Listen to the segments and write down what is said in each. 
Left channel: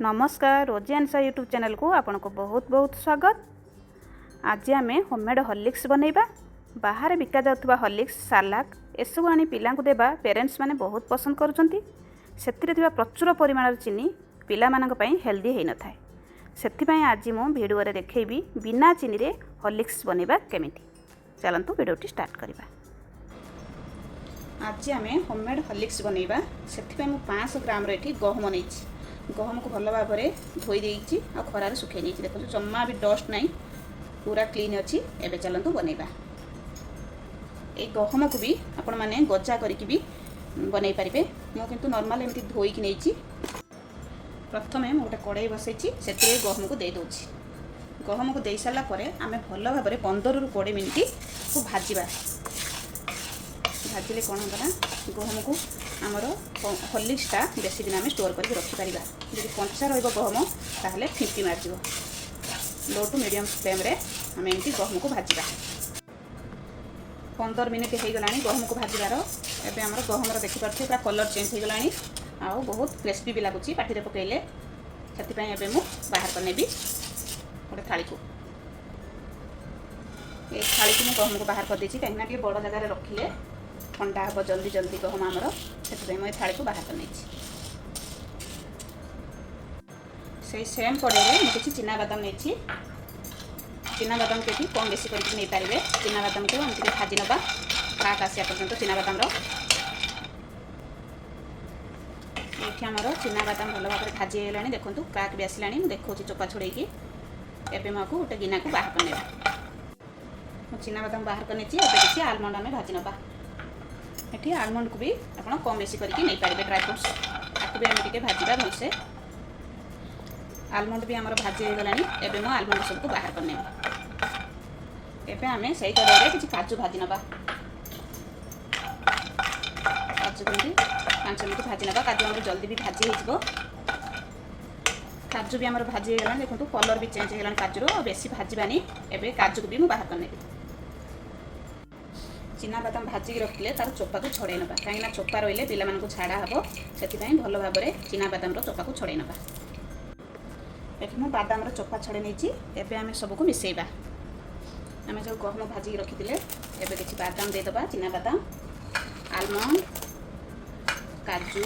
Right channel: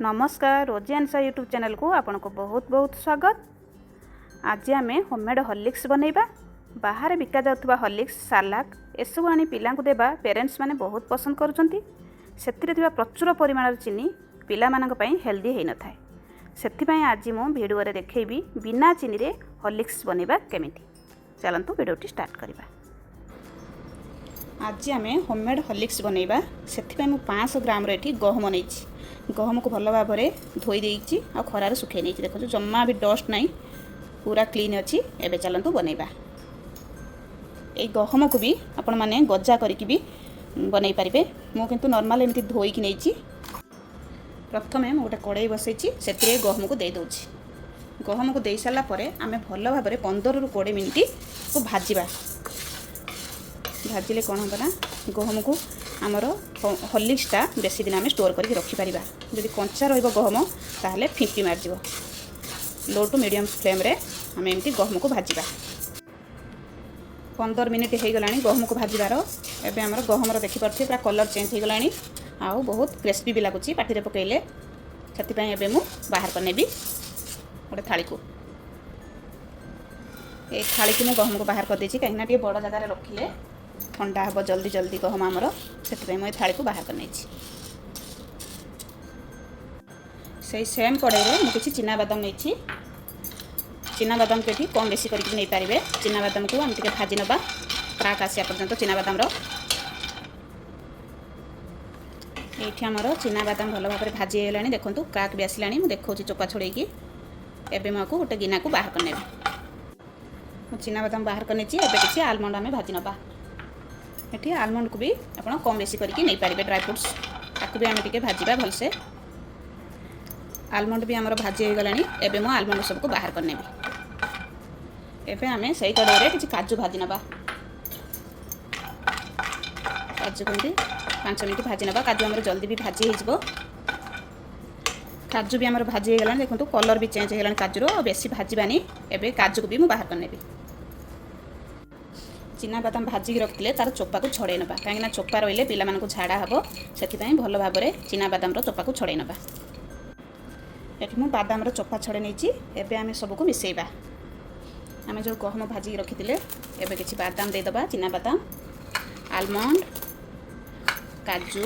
नमस्कार रोजी answer YouTube channel को आपन को बहुत बहुत स्वागत। आज आम होममेड हॉर्लिक्स बनैबा। बाहर बिका जाउथबा हॉर्लिक्स सालाक एसबू आनी पिला को देबा पेरेंट्स माने बहुत पसंद करूछंती। सेथिरे थिबा प्रचुर परिमाण चीनी पिला मानक पई हेल्दी हेइ न थाए। सेथि पई आज मु वीडियो रे देखैबी बिना चीनी रे हॉर्लिक्स बनैबा केमिति। चलंतु वीडियोटी स्टार्ट करबा। आज आम होममेड हॉर्लिक्स बनैबा। सेथि पई मु 500 ग्राम रे एठी गहम नैछि। गहम को भल भाव में धोई देइछि आ खरार सुखे नहीं। देखो जम्मा भी डस्ट नहीं, पूरा क्लीन अच्छी। एबे चलंतु बनैबा। ए गहम को भी आपण माने गजा करिकि भी बनै पारिबे। मो किंतु नॉर्मल एमती धोई कि नैछि। प्रथमे मु गोटे कड़ाई बसैछि, सेतिरे गहम को दे दोछि। गहम को दे साला परे आमे भल भाव में 15 ରୁ 20 मिनिट को भाजिबा। भाजिले कौन होगा ना, गहम को आमर हॉर्लिक्सटा बेसी दिन आम स्टोर करके रखिपर। जदि कंचा रहम ताहले फिंपी मारजिव। लो टू मीडियम फ्लेम रे आम एमती गहम को भाजिबा। 15 मिनिट हो गला गहम को भाजबार। एबे आमर गहमर देखिपारे पूरा कलर चेंज हो गला। आउ बहुत क्रिस्पी भी लगुच पाटी पकईले। से एबे मु बाहर कर नेबी गोटे थाली को। ये थाली को गहम को बाहर कर देछि, कहीं बड़ जगह रखिले ठंडा हम जल्दी जल्दी गहम आमर। से मुझे थाली को बाहर कर से सेम कड़ाई में किसी चिना बादाम नहीं। चिना बादाम के कम बेसी करके नहीं पारे। चिना बादाम को हम टे भाजी नवा क्राक आसा पर्यंत। चिना बादाम ये आमर चिना बादाम भल भाव में भाजी है। देखो क्राक भी आसला। मुझे देखा चोपा छड़े एवं मुझे गोटे गिना को बाहर कर चिना बादाम बाहर कर किसी आलमंड आम भाजी नवा। ये आलमंड को भी आप कम बेसी करके नहीं पारे। ड्राई फ्रुट्स ताकू भी आम टे भाजवा भलसे। आलमंड भी आमर भाजी हो गला। एबे मु आलमंड सबको बाहर कर नेबी। एबे आमे सही कड़ाई किसी काजू भाजी नवा। काजू को 5 मिनिट भाजी नवा। काजू आमर जल्दी भी भाजी हो। काजू भी आमर भाजी हो गला। देखो कलर भी चेंज हो गला काजूर। बेसी भाजबानी। एबे काजू को भी मु बाहर कर नेबी। चिना बादाम भाजिक रखिले तार चोपा को छड़े नवा। कहीं चोपा रही पिला मानक झाड़ा हम। से भल भाव में चिना बादाम चोपा को छड़े नवा। ये मुझे बादाम चोपा छड़े नहीं। एबे आमे सबको मिसेबा। आमे जो गहम भाजिक रखिले एबे किसी बादाम देदबा। चिना बादाम, आलमंड, काजू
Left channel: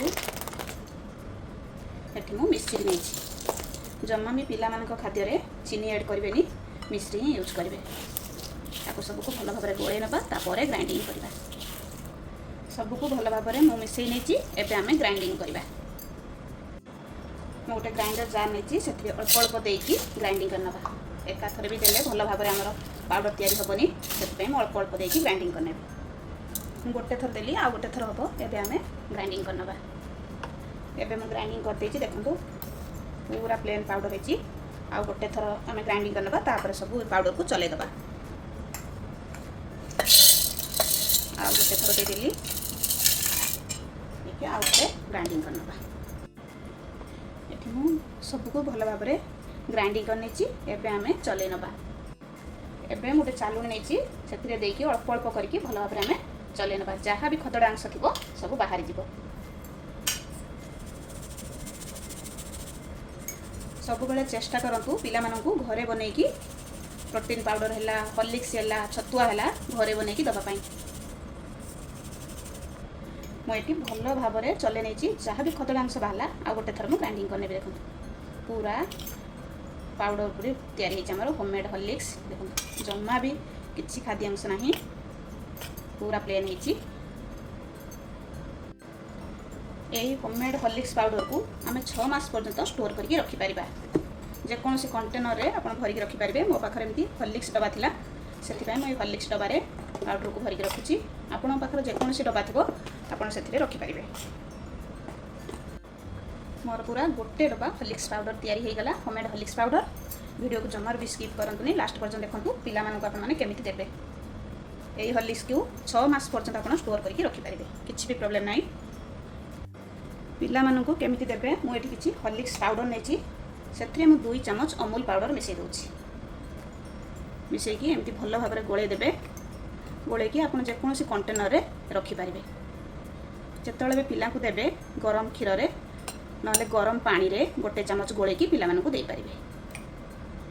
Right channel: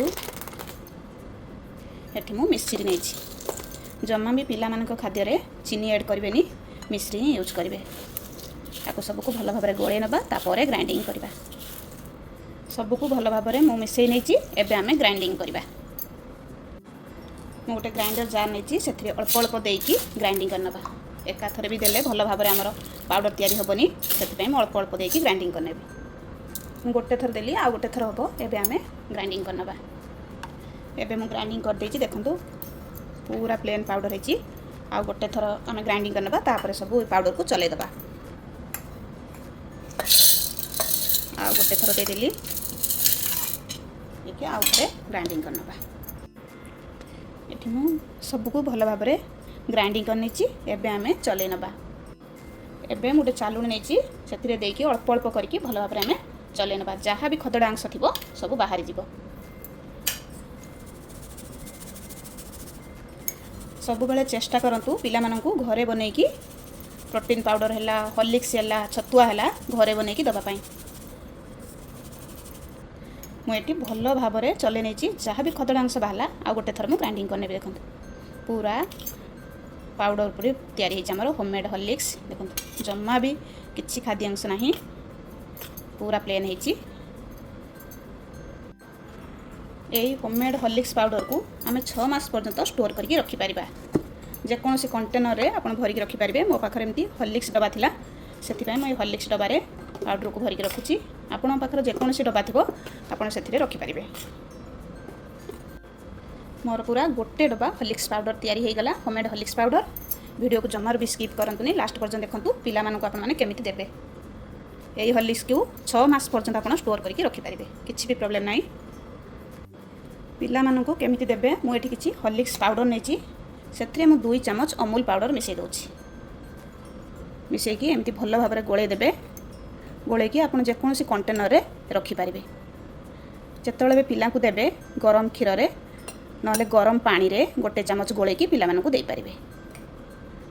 ये मु मिश्री नहीं। जमा भी पिला मानक खाद्य रे चीनी ऐड करें, मिश्री ही यूज करेंगे। ताको सबको भल भाव में गोले नवा। तापर ग्राइंडिंग करवा। सबको भल भाव में मु मिसई नहीं। एबे आमे ग्राइंडिंग करवा। मु गोटे ग्राइंडर जार नहीं। से अल्प अल्प देकी ग्राइंडिंग करनवा। एका थरे भी देले भल भाव में आमर पाउडर तैयारी हेबनी। से मु अल्प अल्प देकी ग्राइंडिंग करनेबी। मु गोटे थर देली आ गोटे थर हम। एबे आमे ग्राइंडिंग करनवा। एबे मु ग्राइंडिंग कर देछि। देखंतु पूरा प्लेन पाउडर हेछि। आ गोटे थर आमे ग्राइंडिंग करनवा। तापर सब पाउडर को चले दबा। आ गोटे थर दे देली। देखिए आ गोटे ग्राइंडिंग करनवा। ये मु सबको भल भाव में ग्राइंडिंग करनी। एबे आमे चले नवा। एबे गोटे चालुनी नहीं। से देकी अल्प अल्प करके भल भाव में आमे चले नवा। जहाँ भी खदड़ा अंश थी सब बाहर जीव। सब बेले चेष्टा करंतु पिला मानकु घरे बनैकी प्रोटीन पाउडर है, हॉर्लिक्स है, छतुआ है घरे बनैकी दबा पाई। मुझे भल भाव में चले नहीं। जहाँ भी खदड़ा अंश बाहला आ गोटे थर मु ग्राइंडिंग करने। देखो पूरा पाउडर पूरी तैयारी होमर होममेड हॉर्लिक्स। देखो जमा भी किसी खाद्य अंश ना, पूरा प्लेन होती। यही होममेड हॉर्लिक्स पाउडर को आम 6 मास पर्यंत स्टोर करके रखिपर। जेकोसी कंटेनर रे आप भरिक रखिपारे। मो पाखे एमती हॉर्लिक्स डब्बा थिला, से मुझे हॉर्लिक्स डब्बारे पाउडर को भरिक रखुची। आपण पाखे जेकोसी डब्बा थो आप रखिपारे। मोर पूरा गोटे डब्बा हॉर्लिक्स पाउडर तैयारी हो गला। Homemade Horlicks powder. वीडियो को जमार भी स्किप करंतुनी, लास्ट पर्यंत देखंतु पिला मानक आपण माने केमिति देबे। एई हॉर्लिक्स को 6 मास पर्यंत आपण स्टोर करके रखिपारे। किछि भी प्रॉब्लम नाही। पिला मानक केमिति देबे। मु एठी किछि हॉर्लिक्स पाउडर नेछि। सेथरे मु 2 चम्मच अमूल पाउडर मिसई दोछि। मिसईकी एमती भल भाव में गोले देबे। गोलेकी आपण जेकोसी कंटेनर रे रखिपारे। जितेबाला भी पिला देवे गरम क्षीर नले गरम पानी रे गोटे चामच गोलेकी पिलामानकु देई परिबे।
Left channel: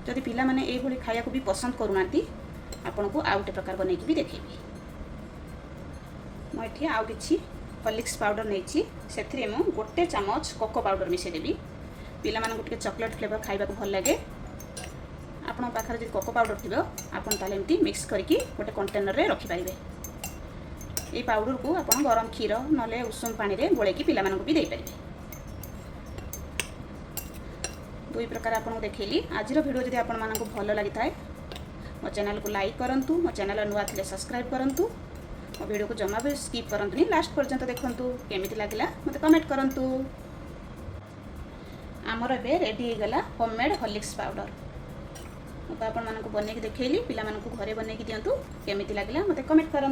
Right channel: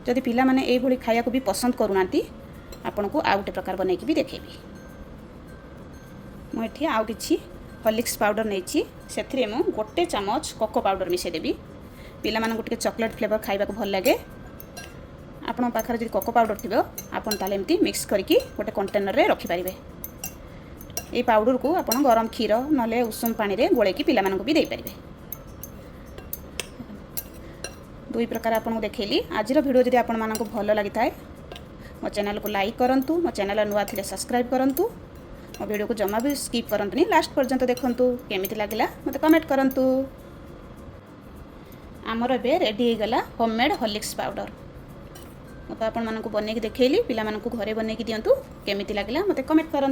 जदि पिलामाने एई भली खाया को भी पसंद करूनांती आपनको आउ गोटे प्रकार बनैकी भी देखेबी। मु एठी आउ किछि हॉर्लिक्स पाउडर नेछि सेथिरे मु गोटे चामच कोको पाउडर मिसे देबी। पिलामानकु टिके चॉकलेट फ्लेवर खाइबा को भल लागे आपण पाखरे जदि कोको पाउडर थिबो आपण ताले एमती मिक्स करके गोटे कंटेनर रे रखि परिबे। ए पाउडर को आपण गरम क्षीर नले उषुम पानी रे गोलेकी पिलामानकु भी देई परिबे। दुई प्रकार आपको देखैली। आज वीडियो जदि आपण मानकु भल लागि थाए मो चैनल को लाइक करंतु, मो चैनल नुआ थिले सब्सक्राइब करंतु, मो वीडियो को जमा भी स्किप करंतुनी, लास्ट पर्यंत देखंतु केमिति लागला मते कमेंट करंतु। आमर एबे रेडी हो गला होममेड हॉर्लिक्स पाउडर। मते आपण मानकु बनै के देखैली, पिला मानकु घरे बनै के दियंतु केमिति लागला मते कमेंट करंतु।